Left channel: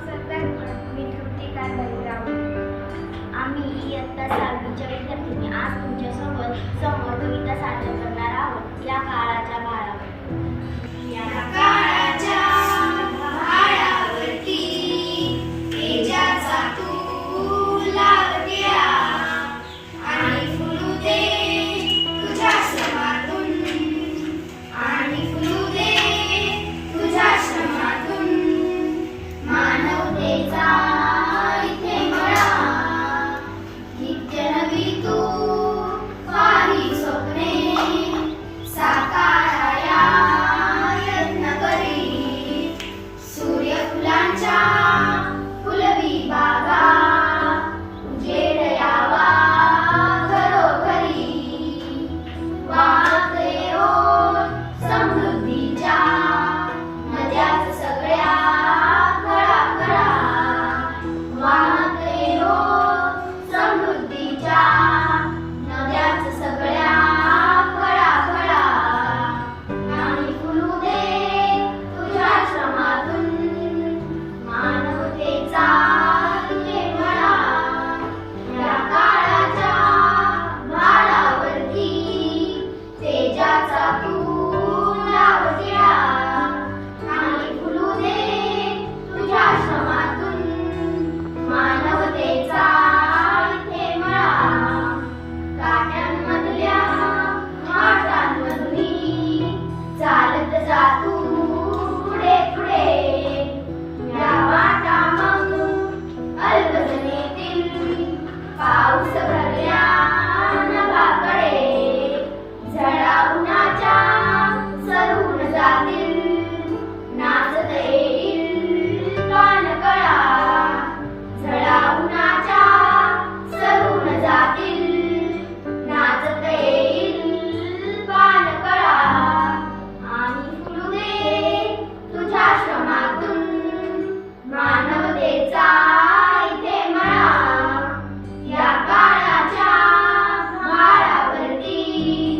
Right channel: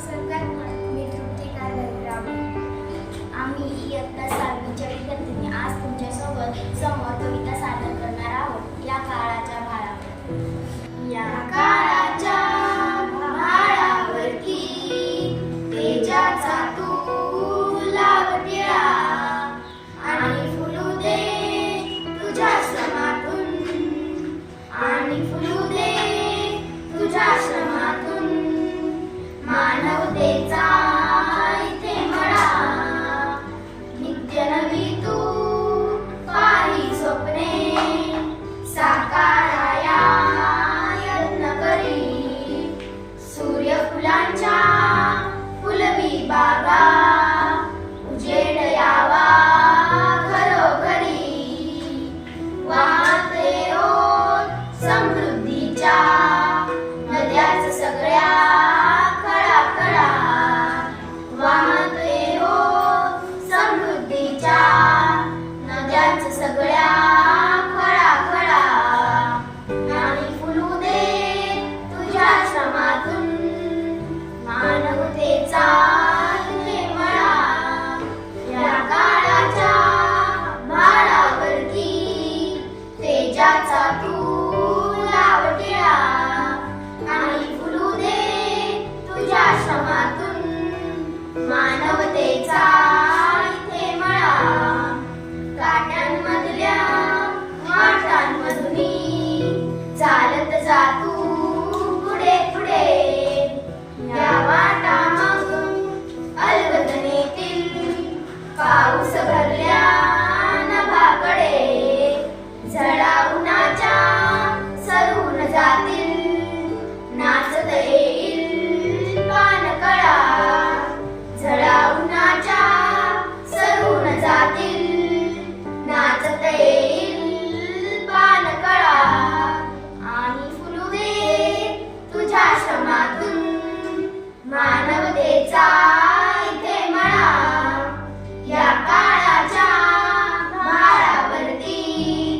लोकसरकार me You.